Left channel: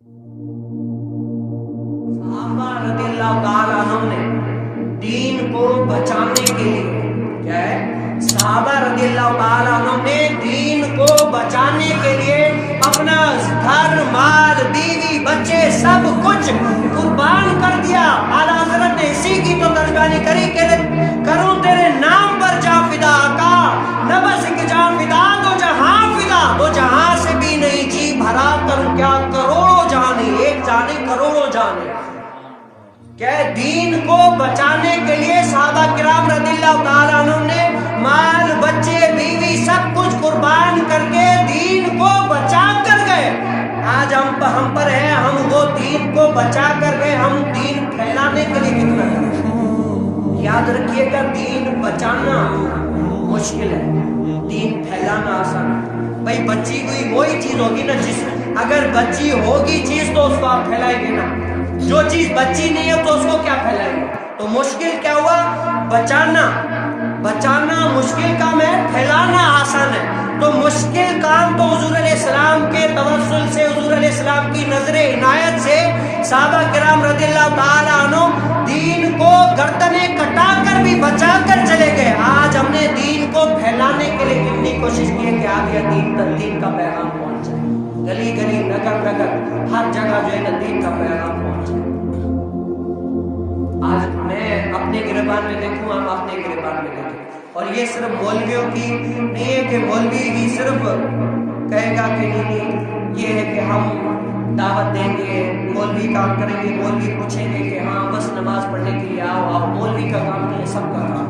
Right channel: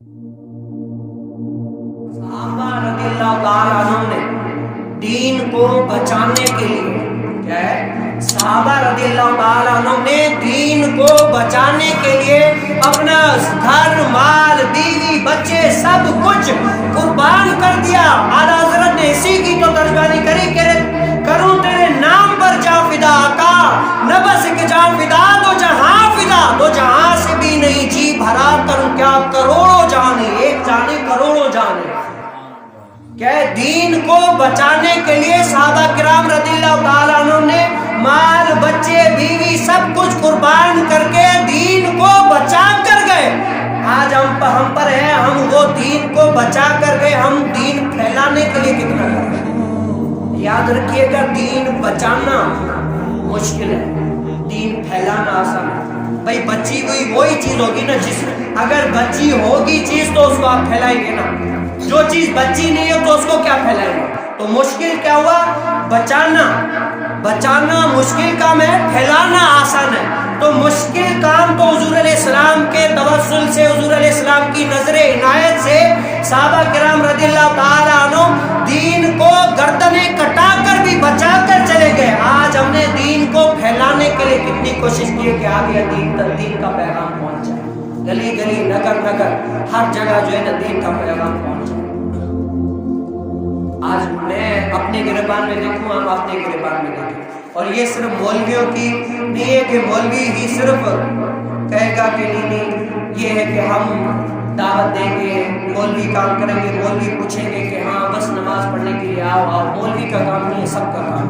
صحابہ رضی اللہ تعالیٰ عنہ نے دین کو بچانے کے لیے کیا ہے، صحابہ رضی اللہ تعالیٰ عنہ نے دین کو بچانے کے لیے اپنا گھر مال بیوی بچے سب کچھ قربان کر دیا۔ اعلیٰ حضرت نے اسی کی تو ترجمانی کری کہ کروں تیرے نام پر جاں فدا آقا، نہ بس کہ جاں فدا تو جہاں فدا، تو جہاں سے بھی نہیں جی بھرا کروں کیا کروڑوں جانے، ایک جانے کروڑوں جانے۔ کہ دین کو بچانے کے لیے صحابہ کرام رضی اللہ تعالیٰ عنہ نے مال بچے بیوی سب کچھ قربان کر کے دین کو بچا کر گئے۔ آج ہم پر ہیں، ہم وہ دین کو بچا کر گئے، ہم دین پھیلانے کے لیے کتنا کریں۔ یاد رکھیے گا دین بچانا مشکل ہے، دین پھیلانا آسان ہے۔ بھائی بچی ہوئی وہی چیز ہوگی نا، جس اگر بچی ہوگی چیز تو اس کو آپ پھیلائیں گے نا، جو چیز بچی نہیں ہے تو اس کو کیا پھیلائیں گے؟ تو مشکل کیا ہوا؟ بچانا مشکل کام ہے، پھیلانا آسان ہے۔ تو مشکل کام تو حضور علیہ السلام کے توسل سے، حضور علیہ السلام کی نظر عنایت سے صحابہ کرام رضی اللہ تعالیٰ عنہ دین کو گردنیں کٹا کر بھی بچا کر چلے گئے۔ آج ہم نے دین کو پھیلانے کے لیے کتنی کوشش کی ہے کہ آگے دین کا پیغام پہنچ جائے، گلی گلی نگر نگر ہر جگہ جو ہے نا دین کا پیغام پہنچ جائے۔ آج میں اپنے گریبان میں دیکھوں، ہم اپنے گریبان میں دیکھیں، اور یہ صرف مولویوں کی نہیں ہے کہ مولوی ہی صرف کہے گا کہ نہیں، یہ ہے کہ ہم دعوت دیں گے، مولوی کام کریں گے، مولوی پوچھیں گے کہ ہاں بس نماز پڑھنے کے لیے آؤ، مولوی کا کام نہیں، سب کا کام۔